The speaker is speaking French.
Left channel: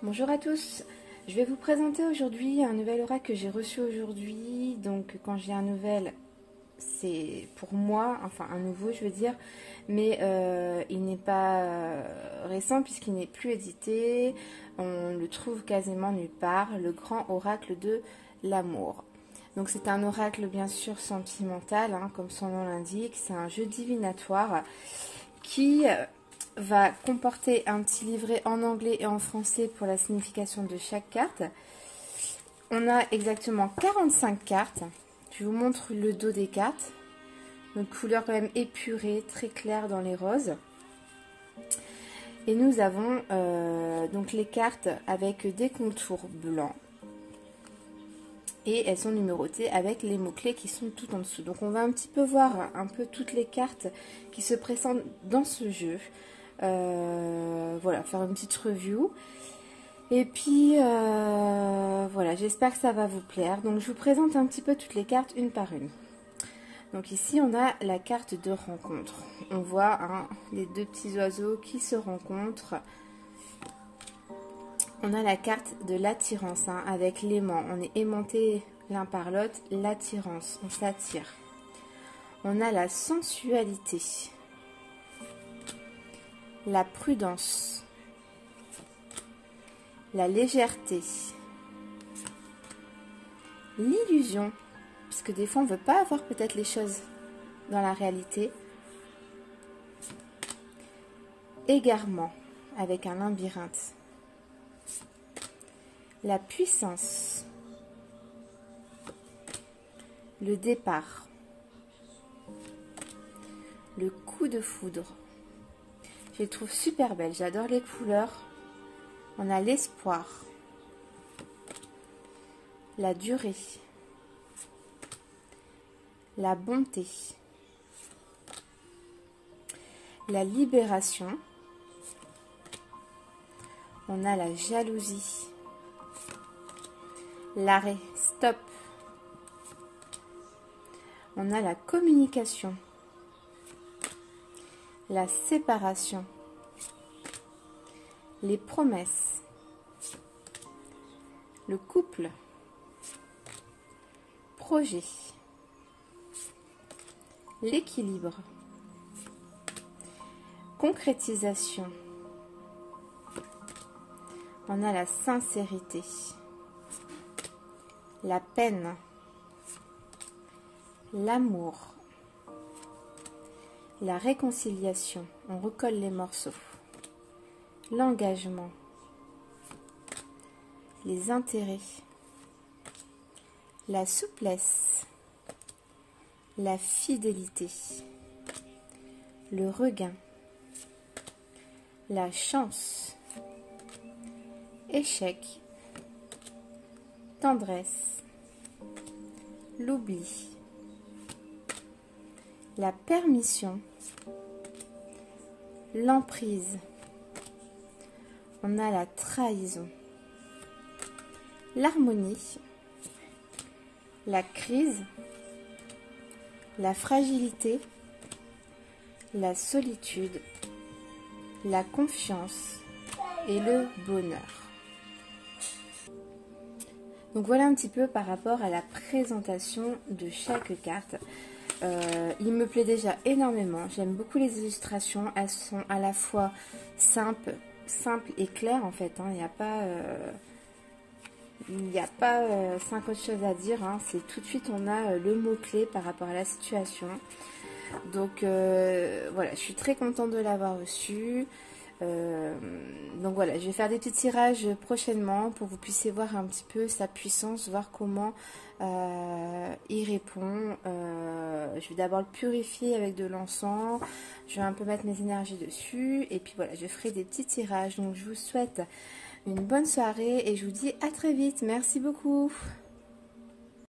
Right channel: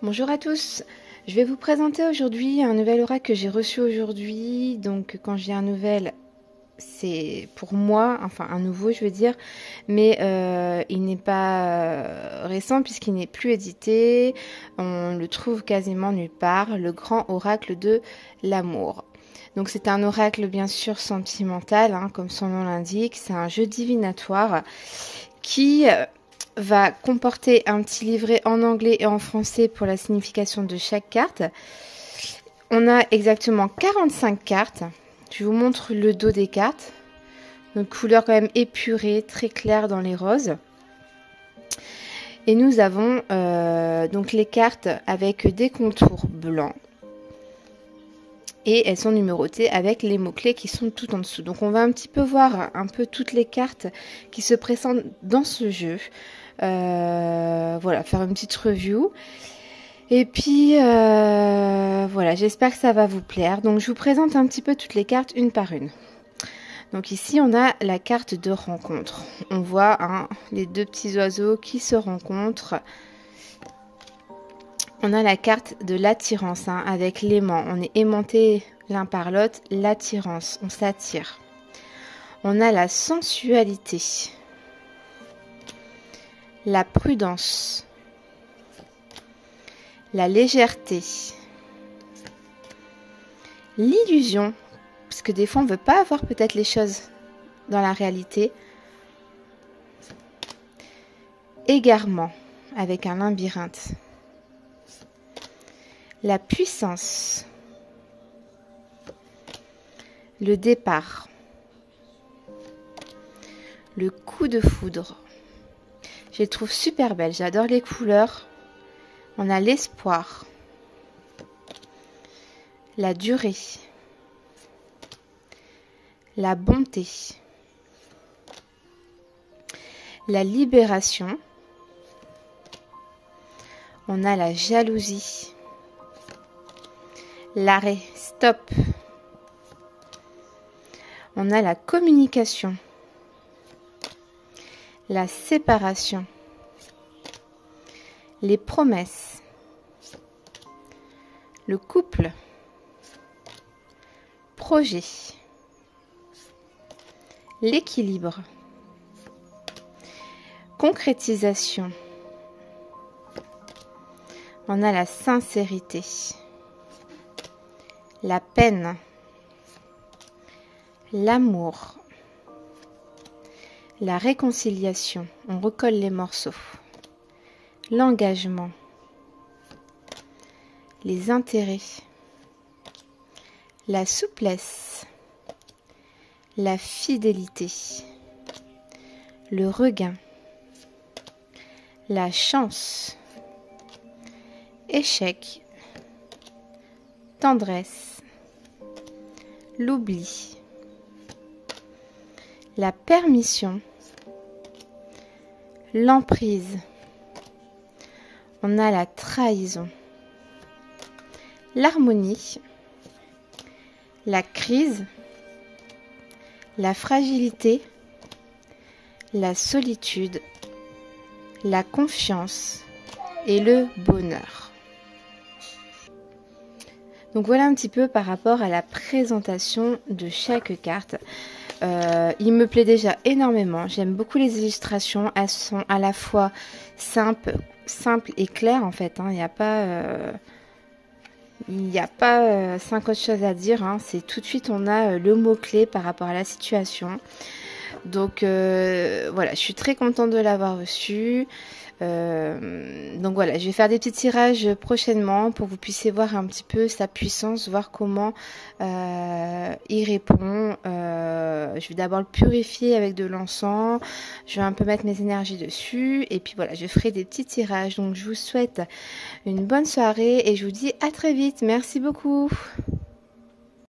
Bonjour à tous, je vais vous présenter aujourd'hui un nouvel oracle que j'ai reçu aujourd'hui. Donc quand je dis un nouvel, c'est pour moi, enfin un nouveau je veux dire, mais il n'est pas récent puisqu'il n'est plus édité, on le trouve quasiment nulle part, le grand oracle de l'amour. Donc c'est un oracle bien sûr sentimental, hein, comme son nom l'indique, c'est un jeu divinatoire qui va comporter un petit livret en anglais et en français pour la signification de chaque carte. On a exactement 45 cartes. Je vous montre le dos des cartes. Une couleur quand même épurée, très claire dans les roses. Et nous avons donc les cartes avec des contours blancs. Et elles sont numérotées avec les mots-clés qui sont tout en dessous. Donc on va un petit peu voir un peu toutes les cartes qui se présentent dans ce jeu. Voilà, faire une petite review. Et puis voilà, j'espère que ça va vous plaire. Donc je vous présente un petit peu toutes les cartes une par une. Donc ici on a la carte de rencontre. On voit les deux petits oiseaux qui se rencontrent. On a la carte de l'attirance avec l'aimant. On est aimanté l'un par l'autre, l'attirance, on s'attire. On a la sensualité, la prudence, la légèreté, l'illusion, parce que des fois on ne veut pas avoir peut-être les choses dans la réalité, égarement avec un labyrinthe, la puissance, le départ, le coup de foudre. Je les trouve super belles, j'adore les couleurs. On a l'espoir, la durée, la bonté, la libération. On a la jalousie, l'arrêt, stop. On a la communication, la séparation, les promesses, le couple, projet, l'équilibre, concrétisation. On a la sincérité, la peine, l'amour, la réconciliation. On recolle les morceaux. L'engagement, les intérêts, la souplesse, la fidélité, le regain, la chance, échec, tendresse, l'oubli, la permission, l'emprise. On a la trahison, l'harmonie, la crise, la fragilité, la solitude, la confiance et le bonheur. Donc voilà un petit peu par rapport à la présentation de chaque carte. Il me plaît déjà énormément. J'aime beaucoup les illustrations. Elles sont à la fois simples et claires en fait. Il n'y a pas 50 choses à dire. C'est tout de suite on a le mot-clé par rapport à la situation. Donc voilà, je suis très contente de l'avoir reçu. Donc voilà, je vais faire des petits tirages prochainement pour que vous puissiez voir un petit peu sa puissance, voir comment il répond. Je vais d'abord le purifier avec de l'encens, je vais un peu mettre mes énergies dessus et puis voilà, je ferai des petits tirages. Donc je vous souhaite une bonne soirée et je vous dis à très vite. Merci beaucoup.